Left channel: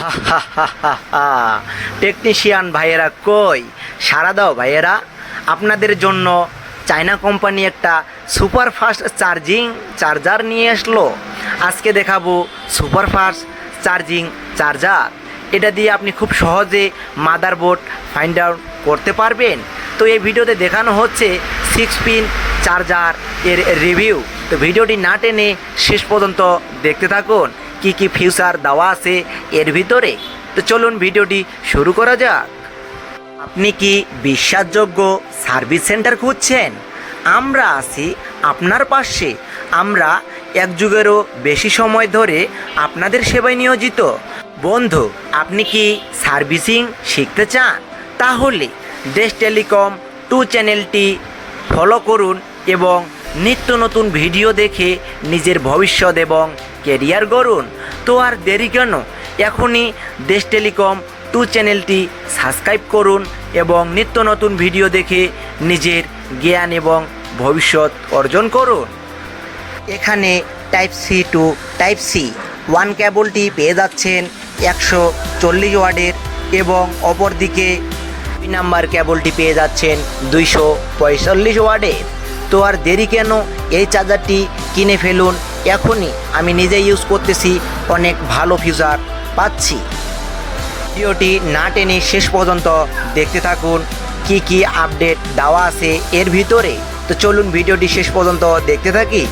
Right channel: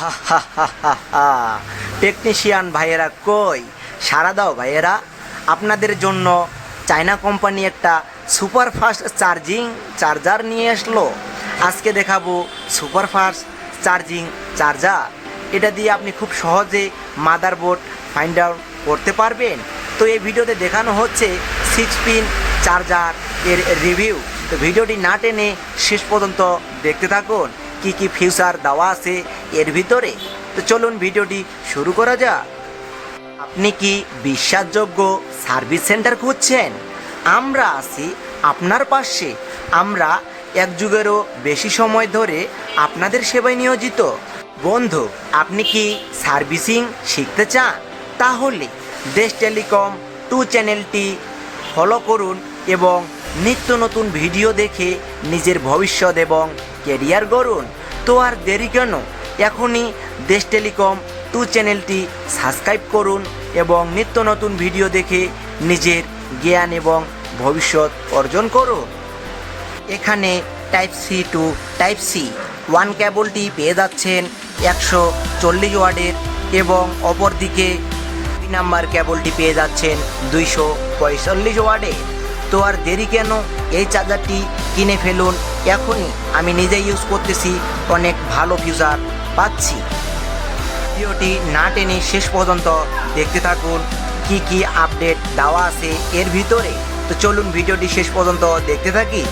হা হা হা হা হা। Technician ভাইয়েরা কই, সারা দাও ভাইয়েরা। আপনাদের জন্য চায়না কোম্পানি একটা সুপার ফাস্ট চার্জার নিয়ে আসলো। আজকে দেখাবো সুপার ফাস্ট চার্জার। এটা দিয়ে আপনি খুব সহজে মাদারবোর্ড ফাইন্ড আউট করতে পারবেন। তো এই ভিডিওতে দেখানো হচ্ছে 6 পিন চার্জার এর রিভিউ। তো ভিডিওটি না টেনে শেষ পর্যন্ত দেখতে থাকুন, কি কি ফিচার দেওয়া আছে এর ভিতরে। তো চলুন ভিডিওটি শুরু করা যাক। আপনি কি বিশ্বাসযোগ্য সার্ভিস সেন্টার খুঁজছেন? আমরা আছি আপনার পাশে। আমরা এক যুগেরও বেশি সময় ধরে আপনাদের সেবায় নিয়োজিত। বন্ধু, আপনি কি সার্ভিসিং শিখতে চান? তাহলে দেশ টেলিকম 2 চ্যানেলটি ফলো করুন এবং নিত্য নতুন ভিডিও দেখে নিজের ভবিষ্যৎ এবং কেরিয়ার গড়ুন। তো আর দেরি কেন, এখনই দেশ টেলিকম 2 চ্যানেলটি সাবস্ক্রাইব করুন এবং নিত্য নতুন ভিডিও দেখে নিজের জ্ঞান এবং ভবিষ্যৎ অর্জন করুন। এখানে type C to type C 1 কেবলটি পেয়ে যাচ্ছেন 140 ওয়াটের এবং অপরদিকে 2 নাম্বার কেবলটি পেয়ে যাচ্ছেন 245 ওয়াটের। তো আর দেরি কেন, এই চার্জারটি কিনে ফেলুন এখনই। আমি নিজে ইউজ করতেছি, অনেক ভালো ফিচার পাচ্ছি। ভিডিওটি না টেনে শেষ পর্যন্ত দেখতে থাকুন, কি কি আপডেট দেওয়া আছে এর ভিতরে। তো চলুন ভিডিওটি শেষ পর্যন্ত দেখতে থাকি।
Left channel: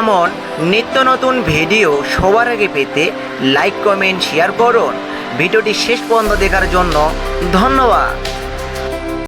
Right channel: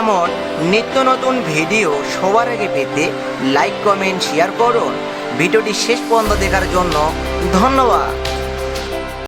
এমন নিত্য নতুন ভিডিও সবার আগে পেতে লাইক, কমেন্ট, শেয়ার করুন। ভিডিওটি শেষ পর্যন্ত দেখার জন্য ধন্যবাদ।